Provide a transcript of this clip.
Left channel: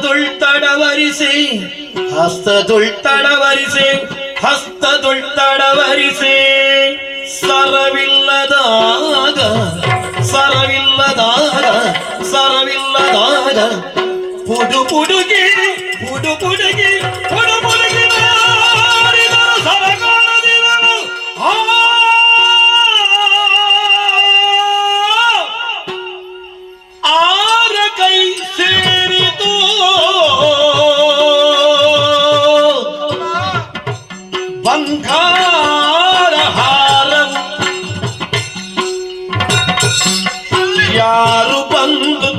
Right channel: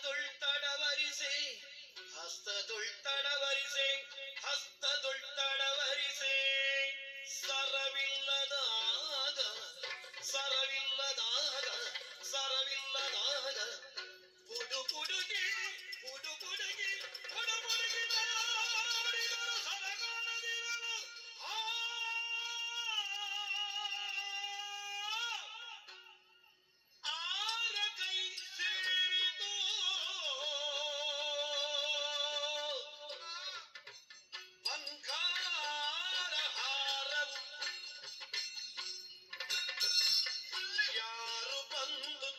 ಹಸ್ತದುಳ್ತಡವರಿಸಿ ಹಸ್ತದುಳ್ತಡವರಿಸಿ ಹಸ್ತದುಳ್ತಡವರಿಸಿ ಸರವಿಲ್ಲದಾಗ ಸರವಿಲ್ಲದಾಗ ಸರವಿಲ್ಲದಾಗ ಪುಡು ಪುಡುಗಿ ಪುಡು ಪುಡುಗಿ ಪುಡು ಪುಡುಗಿ ನಾರಿದರು ಸರಗಾಣದಿರಲು ಆರ ಕೈ ಸೇರಿತು ಬಂಗಾರ ಹಾರವು ಯಾರು ಬಂದು